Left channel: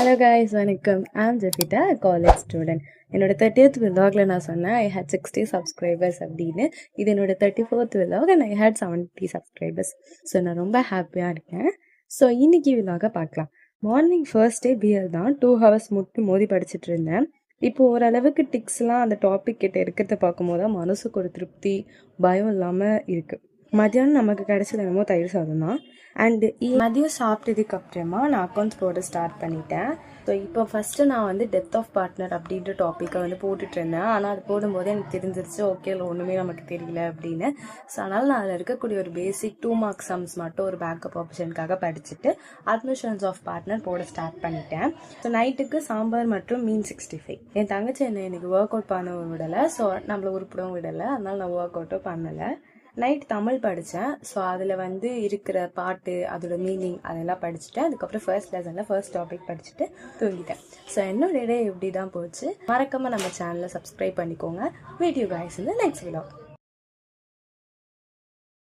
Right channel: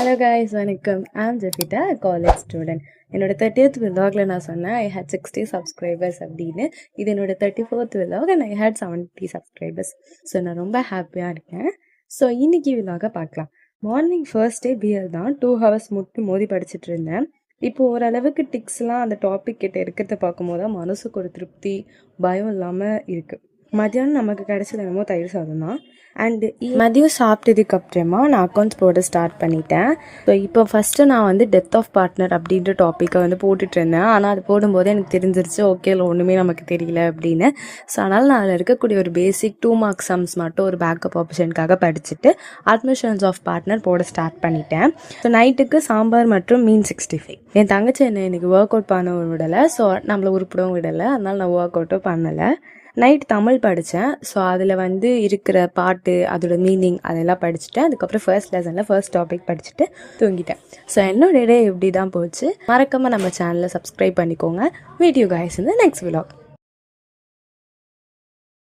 Hello guys, வணக்கம். I'm Jeffita, college student. என்னோட 30th விலாகில் நான் சொன்னேன் ஐ ஹேட் 60 சப்ஸ்கிரைபர்ஸ் அப்படின்னு. இது என்னோட 34th vlog and I had 70 subscribers. So நான் ரொம்ப ஹாப்பியாக இருக்கேன். ஸோ இன்னைக்கு விலாக பார்க்கலாம். மார்னிங் ஃபர்ஸ்ட் டே பிஎல் தான் 2 hours முட்டி மோதி படிச்சுட்டு இருந்தேன். இப்போ ஓரளவுக்கு டிக்ஸ்லாம் அந்த டாபிக் கிட்ட இருக்கிறத பார்க்கும்போது தான் மனசுக்கு ஒரு திருப்தி, பயம் இல்லாமல் இருக்குது. மதியானம் நமக்கு கிடைச்சது என்னமோ தயிர் சாதம் தான். அண்டு மதியம் சாப்பிட்டதுக்கு அப்புறமா நான் அக்கௌண்ட்ஸ் போட ஸ்டார்ட் பண்ணிட்டேன். ஸோ இப்போ ஃபஸ்ட்டு நான் வந்து டெத் ஆஃப் பார்ட்னர் அப்படின்ற டாப்பிக்கை வந்து போட்டுட்டு இருந்தேன். ஆனால் அது போடும்போது எனக்கு தெரிஞ்சிருச்சு ஓகே இல்லை ஒன்றுமே நமக்கு தெரியல அப்படின்னு. ஸோ அதனால் நான் அதில் இருக்கக்கூடிய ஒரு பேசிக் 2 mark சம்ஸ் மட்டும் ஒரு பேக்கப் ஆப்ஷனுக்காக படிச்சுட்டு அட்மிஷன்ஸ் ஆஃப் பார்ட்னர் போட ஸ்டார்ட் பண்ணிட்டேன். ஸோ நைட்டுக்கு சாம்பார் மற்றும் மீன் 65. என் தங்கச்சி என்னை எனக்கு ஒர்க் அவுட் பண்ண விடலை. ஸோ நம்மளை உருப்பிடவும் விடலை. அதனால் நான் ஒர்க் அவுட்டும் பண்ணலை. நைட் தமிழ் படித்தேன். ஸோ அதில் வந்து இருக்கிற பாட்டு, அதோட மீனிங் அதெல்லாம் படிச்சுட்டேன். அதுக்கப்புறம் ஃபர்ஸ்ட் லெசனில் ஃபர்ஸ்ட் டாபிக் படிச்சுட்டு தூங்கிட்டேன். ஸோ என்னோட டே இப்படி தான் போச்சு. மறக்காமல் நம்ம சேனலை சப்ஸ்கிரைப் பண்ணிக்கோங்க. Meet you guys in the next vlog.